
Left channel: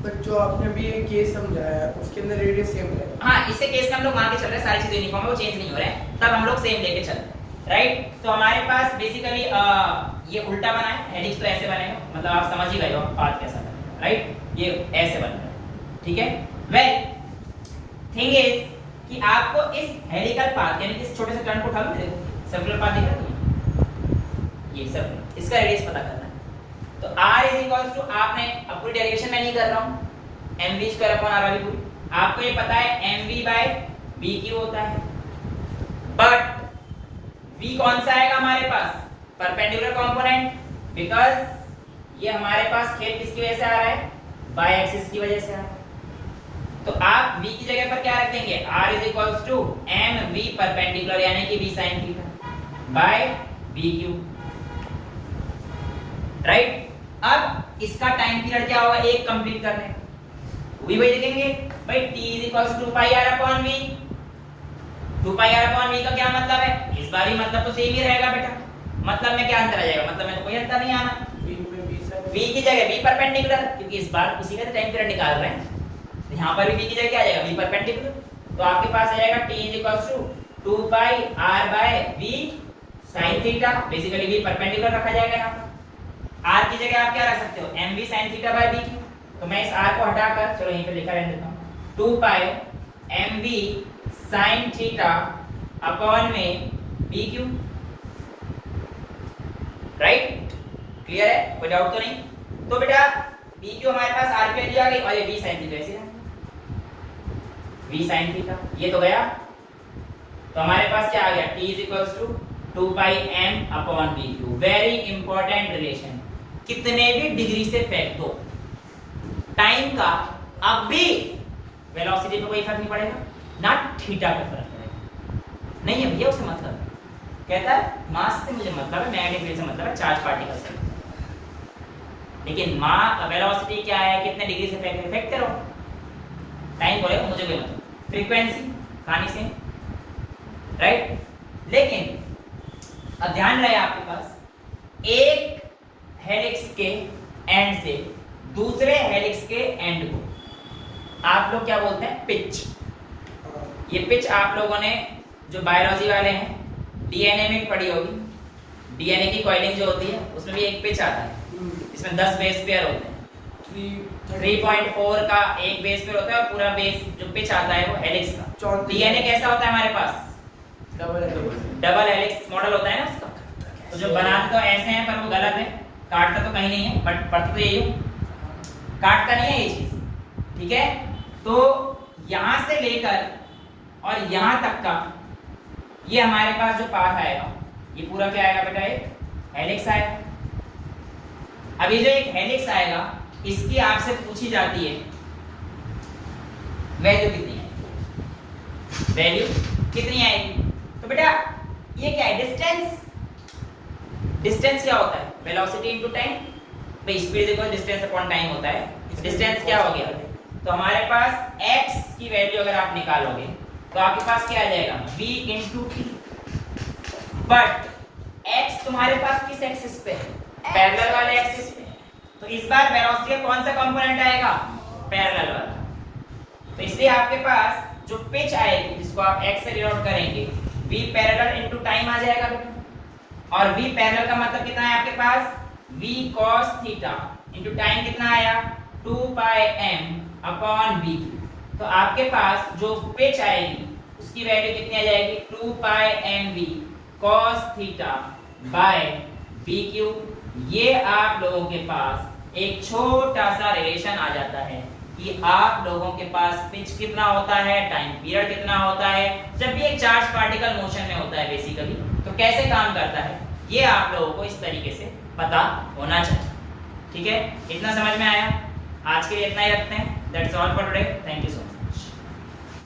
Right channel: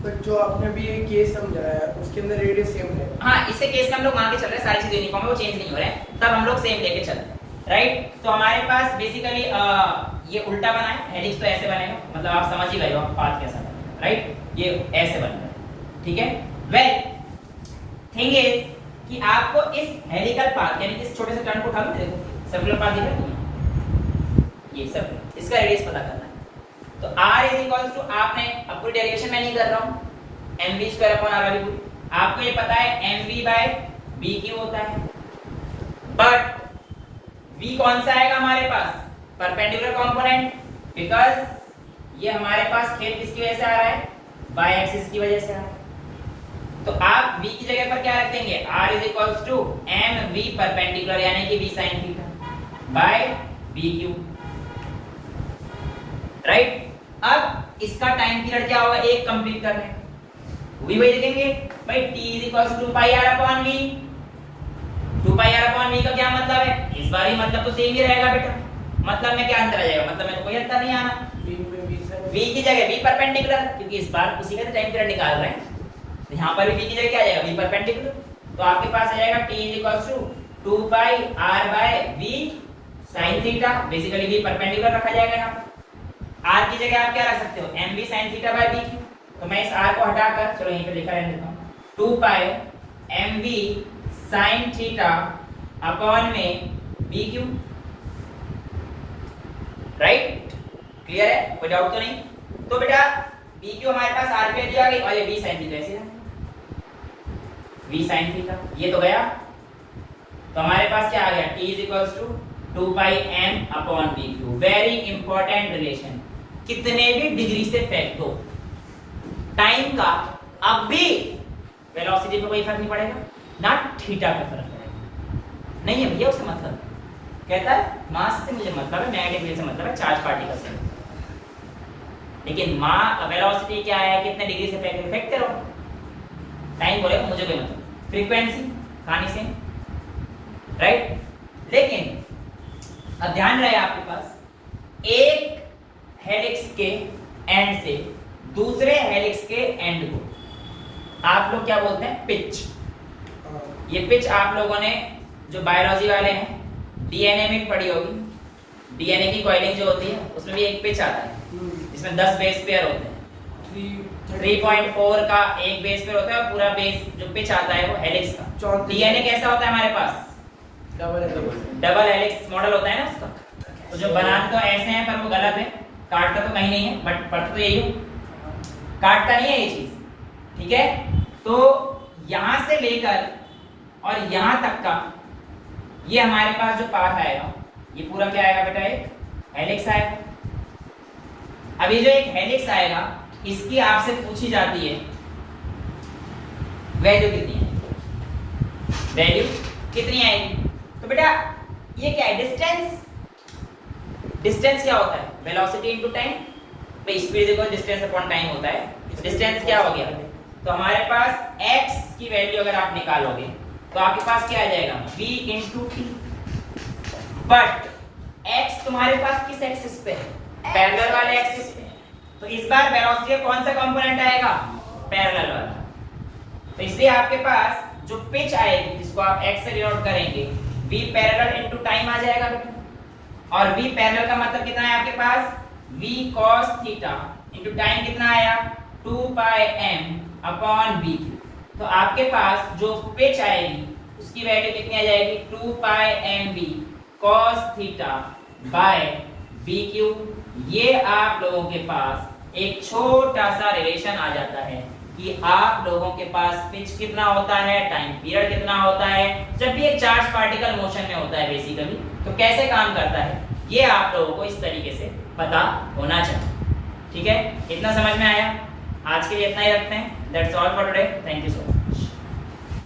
बट जो आपने भी ये केस समझाया उसके अंदर रेडियस सेम है। हाँ, इसे केस में हम लोग मान के चल रहे हैं, सारी चीजें यूनिफॉर्म है, वो चेंज नहीं हो रहे हैं, तब हम लोग सेम लेके चल रहे हैं, राइट। तो हमारे पास बेसिकली ये उल्टा बना है, हेलिक्स तो ऐसे बनेगा, मतलब आप समझ ही गए हो पाथ कैसा बनेगा, राइट, ये ऐसे बनेगा, ठीक है। वेल थिंग इज कि आपको इस हेलिकल पाथ यानी कि इस छोटे से टर्न को उठा के देखो, सर्कुलर पाथ दिख रहा है तुम्हें, ये सर्कुलर, इसका रेडियस पता करना है। तो r इज इक्वल टू, आपने अब पूरी डेरिवेशन मैं नहीं कर रहा हूं, mv स्क्वायर अपॉन r वाली पूरी, आपको ये पता है mv बाय bq होता है, बट v कौन सा आएगा हमारे पास, परपेंडिकुलर कंपोनेंट, बिकॉज ये हमारे पास खेल किसकी वजह से आ रहा है, बाय एक्सिस की वजह से आ रहा है। तो आप v की जगह पर क्या रख देंगे, r is equal to mv perpendicular यानी कि v sin theta by bq, right. अब इसका टाइम पीरियड क्या होगा, एक कंप्लीट करने वही देखेंगे भाई, t is equal to 2πr upon v, 2πr upon v का क्या मतलब है, इस बार भी मतलब तो सेम ही रहेगा बेटा, मतलब में क्या अंतर आ जाएगा, मतलब में तो कोई अंतर नहीं आना, v की जगह v परपेंडिकुलर, क्योंकि इस बार उसी का टाइम पीरियड निकाल रहे हैं, तो यहाँ पर भी v की जगह क्या आ जाएगा, v परपेंडिकुलर, तो आपके पास आ जाएगा t is equal to 2πr by v sin theta, basically v perpendicular रखा जाएगा यहाँ पर, r की जगह आप क्या रख सकते हो, mv sin theta by bq, तो मैं इस r को हटाकर, चलो यहीं पे लिखा रहने देता हूं, 2π mv sin थीटा अपॉन में bq, राइट, क्लियर है, कोई डाउट तो नहीं। तो बेटा bq हमारे पास r पे दिया गया और ये v sin थीटा ऐसे ना, v sin थीटा ये तो गया, तो हमारे पास क्या आ गया, t is equal to 2πm upon bq, very important relation, कितने भी डिग्री से फेंक दो टाइम का, अब भी वेलोसिटी पे कोई फर्क नहीं पड़ेगा, ना थीटा पे फर्क पड़ेगा, नहीं है भैया उसका मतलब, कहता है मास से मुझे मतलब है, मैग्नेटिक फील्ड से मतलब है, चार्ज पार्टिकल से, लेकिन वेलोसिटी क्या है, कितने डिग्री से फेंकते रहो, टाइम बोलेगा मुझे कोई मतलब, फ्रीक्वेंसी कहानी से, राइट। लेकिन अब ध्यान रहे आपके पास, एक हेलिक्स के एंड से दूसरे हेलिक्स के एंड को आप लोग क्या बोलते हैं, पिच। ये पिच आप लोगों ने जो बायोलॉजी वाले हैं डीएनए में पढ़ी होगी, डीएनए की कॉइलिंग जो होती है उसमें भी एक पिच आता है, इसमें 10 बेस पेयर होते हैं, 3.4 का एक बेस पेयर होता है, पूरा बेस जो पिच आता है वो हेलिक्स का। डीएनए कैसा होता है हमारे पास, डबल हेलिक्स मॉडल होता है ना उसका, तो जो बनाते तो ऐसे हैं पर वो गलत है, काटता तो कहीं नहीं है, बट पढ़ते तो यही हो, काटता नहीं है ये चीज, ठीक है। तो यहां से लेकर और यहां तक का ये हमारे पास जो पाथ आएगा, ये पूरा क्या आएगा बेटा, एक हेलिक्स आएगा। अब ये जो एक हेलिक्स आएगा, इसकी आपसे पूछी जाती है वैल्यू कितनी है, वैल्यू कितनी आएगी, तो बेटा ये क्या है, डिस्टेंस। डिस्टेंस क्या होता है, वेलोसिटी इनटू टाइम, भाई speed equal distance upon time होता है, डिस्टेंस क्या हो गया, तो हमारे पास x की वैल्यू अगर आप निकालोगे तो आपके पास क्या आ जाएगा, v into T, but x तुम्हारे पास किस एक्सिस पे है, पैरेलल वाले एक्सिस पे, तो इस बार वेलोसिटी का कौन सा कंपोनेंट आएगा, पैरेलल वाला, तो इसलिए आपके पास जो पिच आएगी जिसको आप x से डिनोट करेंगे, v पैरेलल इनटू टाइम आ जाएगा बेटा, और v पैरेलल का मतलब कितना है आपके पास, v cos theta into time कितना आया, 2πm अपॉन bq, तो आपके पास जो पिच आएगी उसकी वैल्यू कितनी आ जाएगी, 2πmv cos theta by bq। ये आप लोगों के पास एक छोटा सा रिलेशन आ जाता है कि आप लोगों के पास पिच कितना होता है, टाइम पीरियड कितना होता है, जब भी एक चार्ज पार्टिकल मोशन में होता है बेसिकली, तो कैसे काम करता है, ये आप लोगों को इस तरीके से पता होना चाहिए, ठीक है। इतना समझ में आया, आज के लिए इतना ही रखते हैं, that's all for today, thank you so much.